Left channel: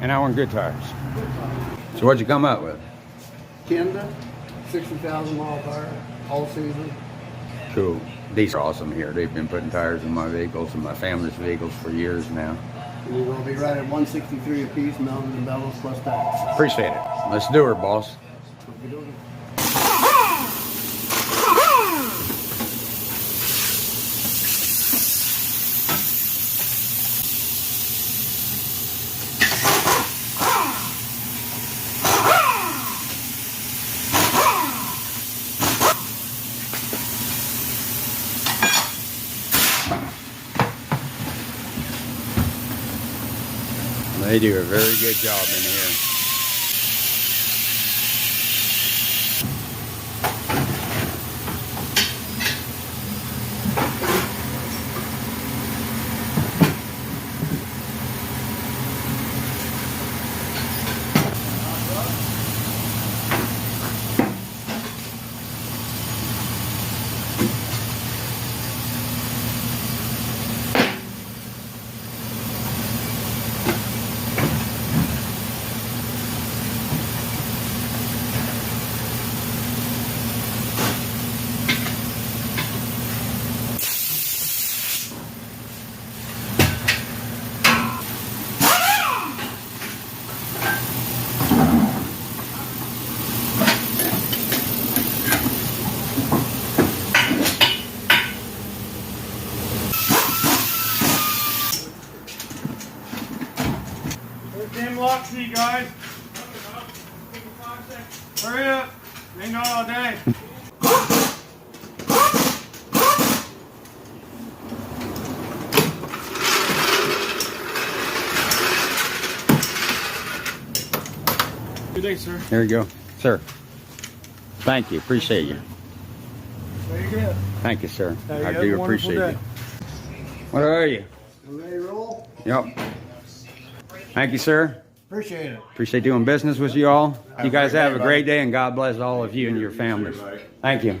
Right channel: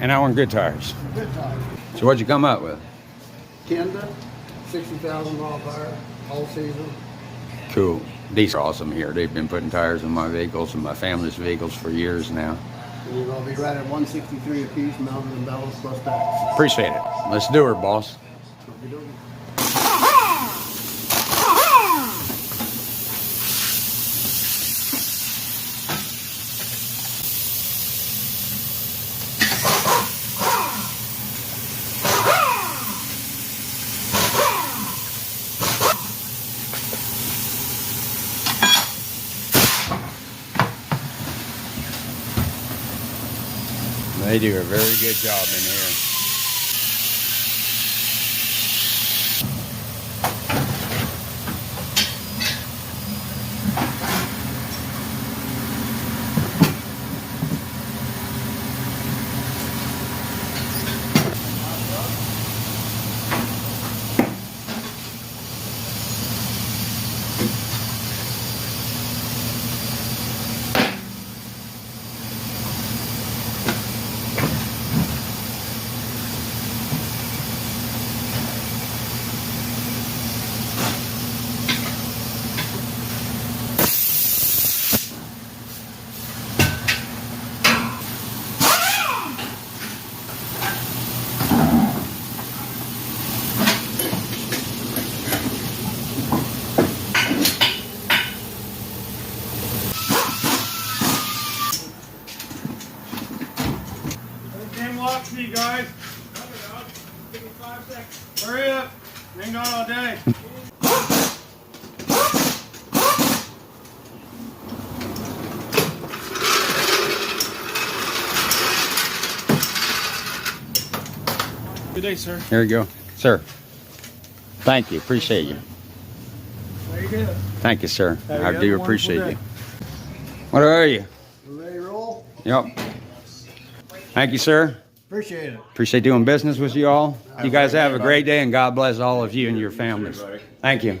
And I want good tires. Good tires. So what'd you come up with? Kenda, 60,000 mile tire, all season. Cool. These are awesome here. They've been putting tires in my vehicles and my family's vehicles for years now. And you're going to be right at 163 a piece, mounted and bellows plus tax. Appreciate it. Let's do her, boss. Okey-dokey. They do a very good job in here. Damn lock key, guys. Hurry up. We ain't gone all day. Good day, sir. Here you go. Sir. Thank you. Appreciate you. There you go. Thank you, sir. Have I a do wonderful appreciate day. you. What are you? You ready to roll? Yep. Thank you, sir. Appreciate it. Appreciate doing business with you all. You guys a great have day, a great day, and God bless all of you and your families. Thank you.